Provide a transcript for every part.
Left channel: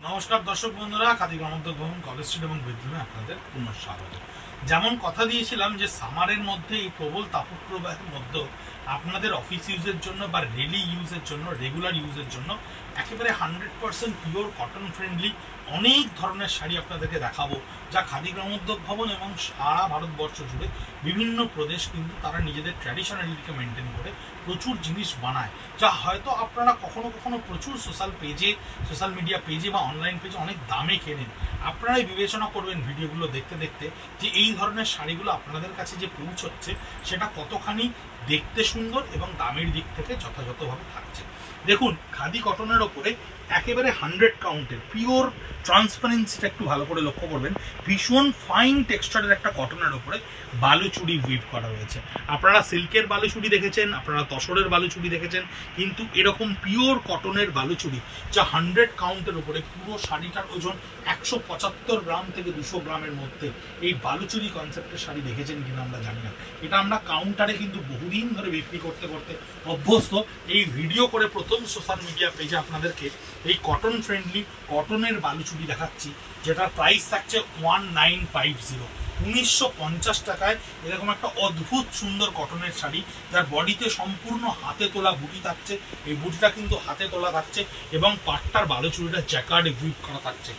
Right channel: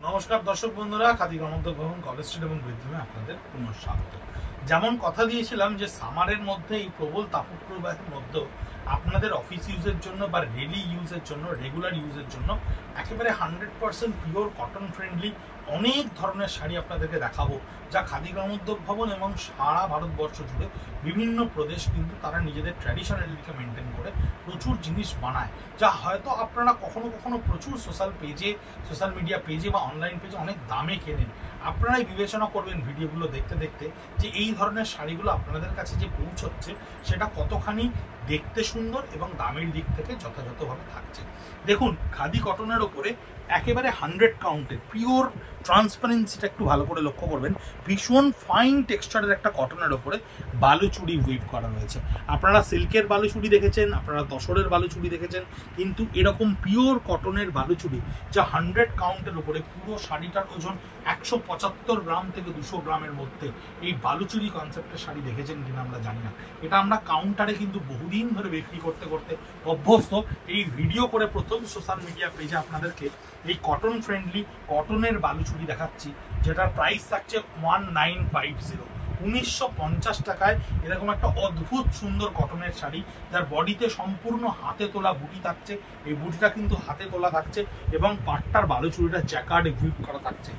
নমস্কার দর্শক বন্ধুরা, খাদি গ্রামোদ্যোগ ভবন, কলেজ স্ট্রিট এবং বেডরুমে আপনাদের পুনঃস্বাগত। যেমন কথা দিয়েছিলাম যে সামারের মধ্যে এই প্রবল তাপপ্রবাহের মধ্যে আপনাদের অফিস ইউজের জন্য বা ডেইলি ইউজের জন্য, রেগুলার ইউজের জন্য একেবারে 100% পিওর কটন ফ্রেন্ডলি অনেক ধরনের শাড়ি আপনাদেরকে দেখাবো, যা খাদি গ্রামোদ্যোগ ভবন এবং সারা ভারতবর্ষ জুড়ে বিভিন্ন প্রদেশ কিন্তু তারা নিজেদের ট্র্যাডিশনালিটিকে মেনটেন করে প্রচুর জিনিস বানায়, যা হয়তো আপনারা কখনো কখনো প্রচুর সোশ্যাল মিডিয়া পেজে বা অনলাইন পেজে অনেক দামে কেনেন। আপনারাই বিবেচনা করবেন ভিডিওগুলো দেখতে দেখতে যে এই ধরনের শাড়িগুলো আপনাদের কাছে যে পৌঁছচ্ছে সেটা কতখানি দেখতে সুন্দর এবং দামের দিক থেকে যথাযথভাবে থাকছে। দেখুন, খাদি কটনের ওপরে একেবারে 100 কাউন্টের পিওর ট্রান্সপারেন্সিটা একটু ভালো করে লক্ষ্য করবেন। ভীষণ ফাইন টেক্সচারের একটা কটনের ওপরে বালুচুড়ি উইভ করা হয়েছে। আপনারা সিল্কের বালুচুড়ি দেখেছেন, আপনারা তসরের বালুচুড়ি দেখেছেন, কিন্তু এরকম পিওর কটনের বালুচুড়ি যা 100 কাউন্টের উপরে, পুরো শাড়িটার ওজন 175 গ্রাম থেকে 200 গ্রামের মধ্যে, এই বালুচুড়ি কনসেপ্টের শাড়ি দেখেছেন কিনা আমরা জানি না। এটা আমরা কাউন্টারে কিন্তু বহুদিন ধরে বিক্রি করতে করতে অভ্যস্ত। এই ভিডিও করে প্রথম সোশ্যাল মিডিয়া পেজে আপনাদেরকে এই কটন ফ্রেন্ডলি কটনের বালুচুড়ি দেখাচ্ছি, যেটার প্রাইস থাকছে 1950, 1950 টাকায় এরকম একটা অদ্ভুত সুন্দর কটনের শাড়ি, যার বডিতে সম্পূর্ণ হাতে তোলা বুটি থাকছে। এই বুটিটা কিন্তু হাতে তোলা থাকছে এবং পাটটার বালুচুড়িটা জ্যাকার্ডে উইভ করা থাকছে,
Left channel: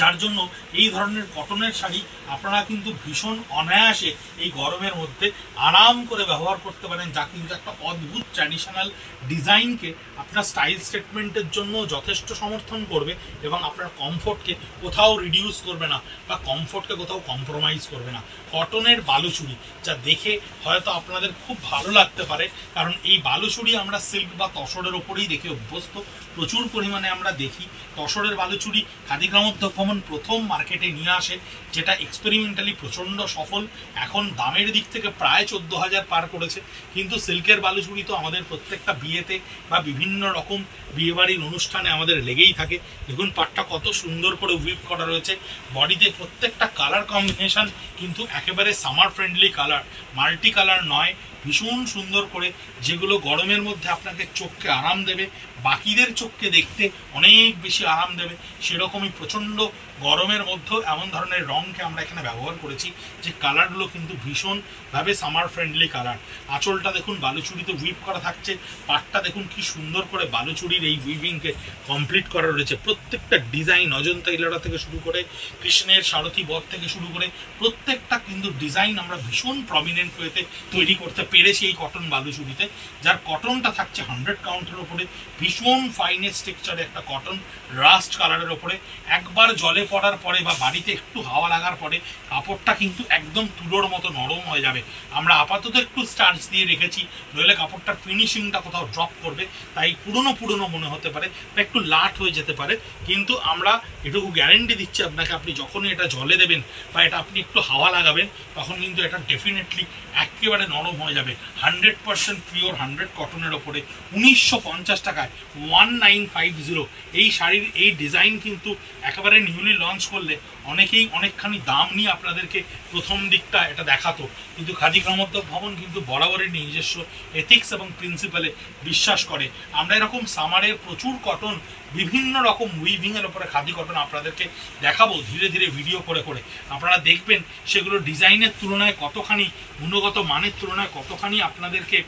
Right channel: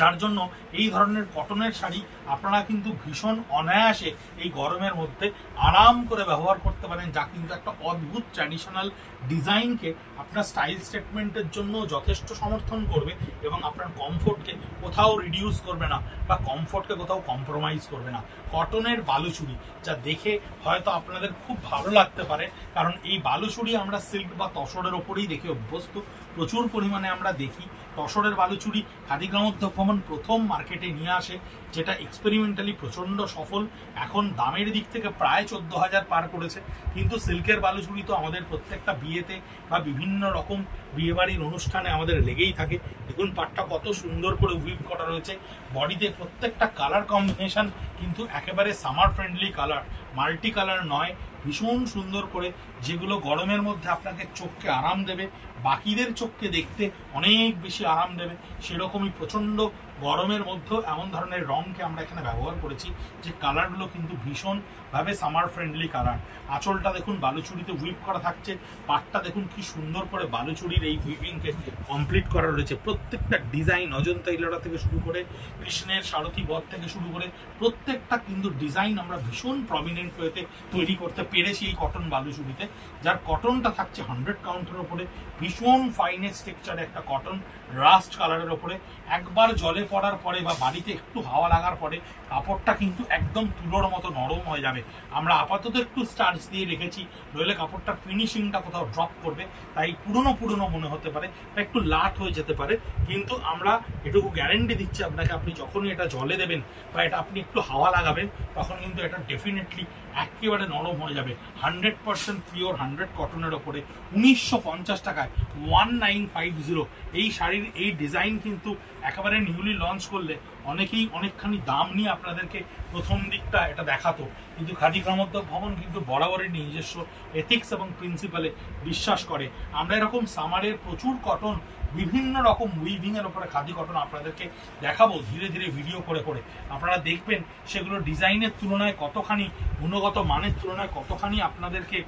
যার জন্য এই ধরনের কটনের শাড়ি আপনারা কিন্তু ভীষণ অনায়াসে এই গরমের মধ্যে আরাম করে ব্যবহার করতে পারেন, যা কিন্তু একটা অদ্ভুত ট্র্যাডিশনাল ডিজাইনকে আপনার স্টাইল স্টেটমেন্টের জন্য যথেষ্ট সমর্থন করবে এবং আপনার কমফোর্টকে কোথাও রিডিউস করবে না বা কমফোর্টকে কোথাও কম্প্রোমাইজ করবে না। কটনের বালুচুড়ি যা দেখে হয়তো আপনাদের খুব ভালো লাগতে পারে, কারণ এই বালুচুড়ি আমরা সিল্ক বা তসরের ওপরেই দেখে অভ্যস্ত, প্রচুর পরিমাণে আমরা দেখি। তসরের বালুচুড়ি খাদি গ্রামোদ্যোগ ভবন প্রথম মার্কেটে নিয়ে আসে, যেটা এক্সপেরিমেন্টালি প্রচণ্ড সফল। এখন দামের দিক থেকে প্রায় 14,000 পার করেছে, কিন্তু সিল্কের বালুচুড়ি তো আমাদের প্রত্যেকটা বিয়েতে বা বিভিন্ন রকম বিয়েবাড়ির অনুষ্ঠানে আমাদের লেগেই থাকে। দেখুন পাটটা কত সুন্দর করে উইভ করা রয়েছে, বডিতে প্রত্যেকটা কালার কম্বিনেশন কিন্তু একেবারে summer friendly colour, multi colour নয়, ভীষণ সুন্দর করে, যেগুলো গরমের মধ্যে আপনাকে চোখকে আরাম দেবে, বাকিদের চোখকে দেখতে অনেক বেশি আরাম দেবে। সেরকমই প্রচণ্ড গরমের মধ্যেও এমন ধরনের রঙকে আমরা এখানে ব্যবহার করেছি যে কালারগুলো কিন্তু ভীষণভাবে সামার ফ্রেন্ডলি কালার। আঁচলটা দেখুন বালুচুড়িতে উইভ করা থাকছে, পাটটা দেখুন কি সুন্দর করে বালুচুড়ির এই উইভিংকে কমপ্লিট করা রয়েছে। প্রত্যেকটা ডিজাইন, অজন্তা ইলোরা থেকে শুরু করে কৃষ্ণের সারথি বধ থেকে শুরু করে প্রত্যেকটা কিন্তু ডিজাইন আমরা ভীষণ প্রমিনেন্ট ওয়েতে তৈরি করতে পেরেছি এই কটন বালুচুড়িতে, যার কটনটা থাকছে 100 কাউন্টের ওপরে, ভীষণ ফাইনেস্ট টেক্সচারে একটা কটন, রাস্ট কালারের ওপরে। একবার জলে পড়ার পরে বা বাড়িতে একটু হাওয়া লাগার পরে কাপড়টা কিন্তু একদম তুলোর মতো নরম হয়ে যাবে। আমরা আপাতত একটু স্টার্চ দিয়ে রেখেছি, নইলে কাপড়টার ফিনিশিংটা কোথাও ড্রপ করবে, তাই পুরনো মনে হতে পারে বা একটু লাট হয়ে যেতে পারে। কিন্তু আমরা এটুকু গ্যারেন্টি দিচ্ছি আপনাকে, আপনি যখনই এটা জলে দেবেন বা এটা আপনি একটু হাওয়া লাগাবেন, তখন কিন্তু এটা ডেফিনেটলি একেবারে নরম হয়ে যাবে। 100% পিওর 100 কটনের ওপরে 1950 টাকায় 1950 এই শাড়ির এই ডিজাইন কিন্তু একেবারে নিউলি লঞ্চ করলে অনেকেই অনেকখানি দাম নিয়ে আপনাদেরকে প্রথম দিকটা এটা দেখাতো, কিন্তু খাদি গ্রামোদ্যোগ ভবন কিন্তু বরাবরই নিজস্ব এথিক্স এবং প্রিন্সিপালে বিশ্বাস করে। আমরা এরকম সামারের প্রচুর কটন, বিভিন্ন রকম উইভিংয়ের ওপরে খাদি কটন আপনাদেরকে দেখাবো ধীরে ধীরে ভিডিও করে করে। আপনারা দেখবেন সেগুলো ডিজাইনের তুলনায় কতখানি, গুণগত মানের তুলনায় কতখানি আপনাদেরকে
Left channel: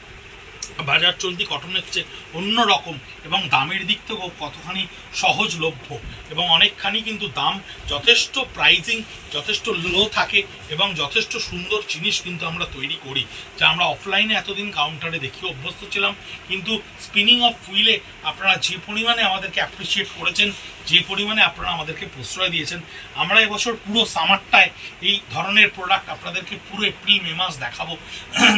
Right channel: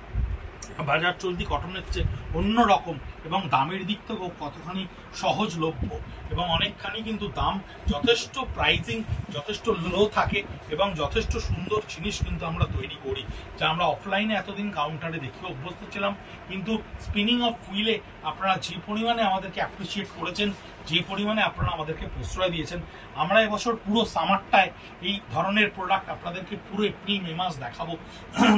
বাজার চলতি কটনের চেয়ে অন্যরকম এবং দামের দিক থেকেও কতখানি সহজলভ্য, এবং অনেকখানি কিন্তু দাম যথেষ্ট প্রাইজিং যথেষ্ট লো থাকে এবং যথেষ্ট সুন্দর জিনিস কিন্তু আমরা তৈরি করি, যা আমরা অফলাইনে এতদিন কাউন্টারে দেখি অভ্যস্ত ছিলাম। কিন্তু স্পিনিং অফ হুইলে আপনারা যে পরিমাণে আমাদেরকে অ্যাপ্রিসিয়েট করেছেন, যে পরিমাণে আপনারা আমাদেরকে প্রশ্রয় দিয়েছেন, আমরা এবছর পুরো সামারটায় এই ধরনের প্রোডাক্ট আপনাদেরকে পুরো এপ্রিল মে মাস দেখাবো।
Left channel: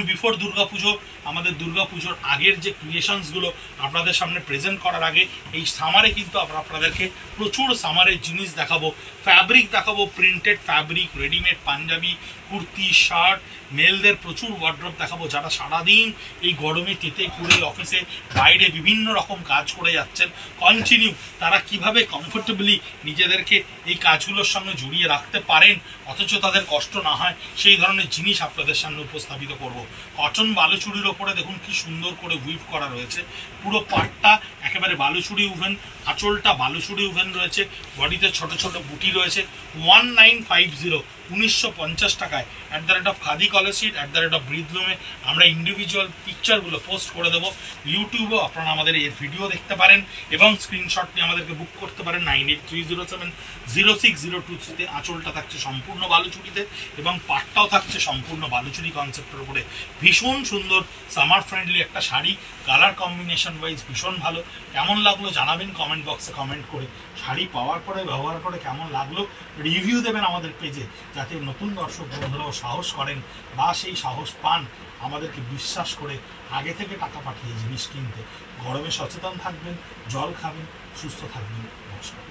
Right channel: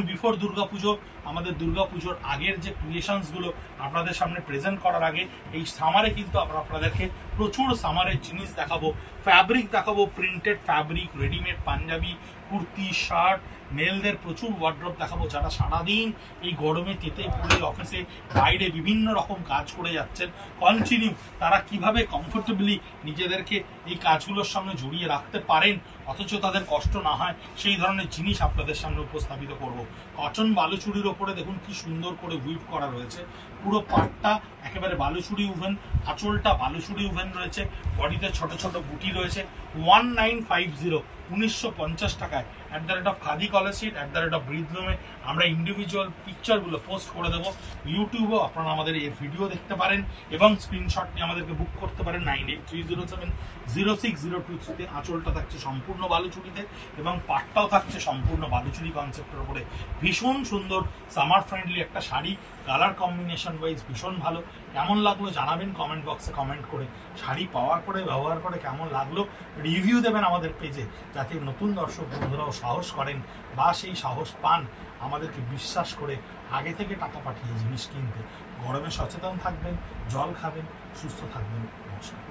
বিফোর দুর্গাপুজো, আমাদের দুর্গাপুজোর আগের যে ক্রিয়েশনসগুলো আপনাদের সামনে প্রেজেন্ট করার আগে এই সামারে কিন্তু আমরা আপনাদেরকে প্রচুর সামারের জিনিস দেখাবো, ফ্যাব্রিক দেখাবো, printed fabric, readymade panjabi, kurti, shirt, মেলদের প্রচুর ওয়ার্ড্রপ দেখাবো, যারা সারাদিন এই গরমে তেতে পুড়ে অফিসে বাইরে বিভিন্ন রকম কাজ করে যাচ্ছেন কন্টিনিউ, তারা কিভাবে কমফোর্টেবলি নিজেদেরকে এই কাজগুলোর সঙ্গে জড়িয়ে রাখতে পারেন অথচ তাদের কষ্ট না হয়, সেই ধরনের জিনিস আপনাদের সামনে উপস্থাপিত করব। কটন বালুচুরির ওপরে দেখুন কি সুন্দর করে উইভ করা রয়েছে, পুরো পাটটা একেবারে বালুচুরি উভেন, আঁচলটা বালুচুরি উভেন রয়েছে, বডিতে ছোট ছোট বুটি রয়েছে। 1950 1950 টাকায় @খাদি কলেজ স্ট্রিট @ব্রিজলুমে আমরা ইন্ডিভিজুয়াল পিকচারগুলো পোস্ট করে দেবো। ইউটিউবেও আপনারা আমাদের এই ভিডিও দেখতে পারেন এবং স্ক্রিনশট নিয়ে আমাদেরকে বুক করতে পারেন 9830706023-তে। আঁচলটা থাকছে সম্পূর্ণ বালুচুরিতে এবং পাটটাও থাকছে সম্পূর্ণ বালুচুরি কনসেপ্টের উপরে। ভীষণ সুন্দর সামার ফ্রেন্ডলি একটা শাড়ি, কালার কম্বিনেশন ওয়াইজ ভীষণ ভালো। কেমন লাগলো জানাবেন কমেন্ট বক্সে কমেন্ট করে। শাড়ি পাওয়ার পরে ব্যবহার করে কেমন লাগলো রিভিউ দেবেন আমাদের পেজে, যাতে নতুন দর্শক বন্ধুরাও সাহস করেন বা সেই সাহস পান আমাদেরকে বিশ্বাস করে আগে থেকে টাকা পাঠিয়ে জিনিস কিনতে। গরমে সচেতন থাকবেন, জল খাবেন, সুস্থ থাকবেন। নমস্কার।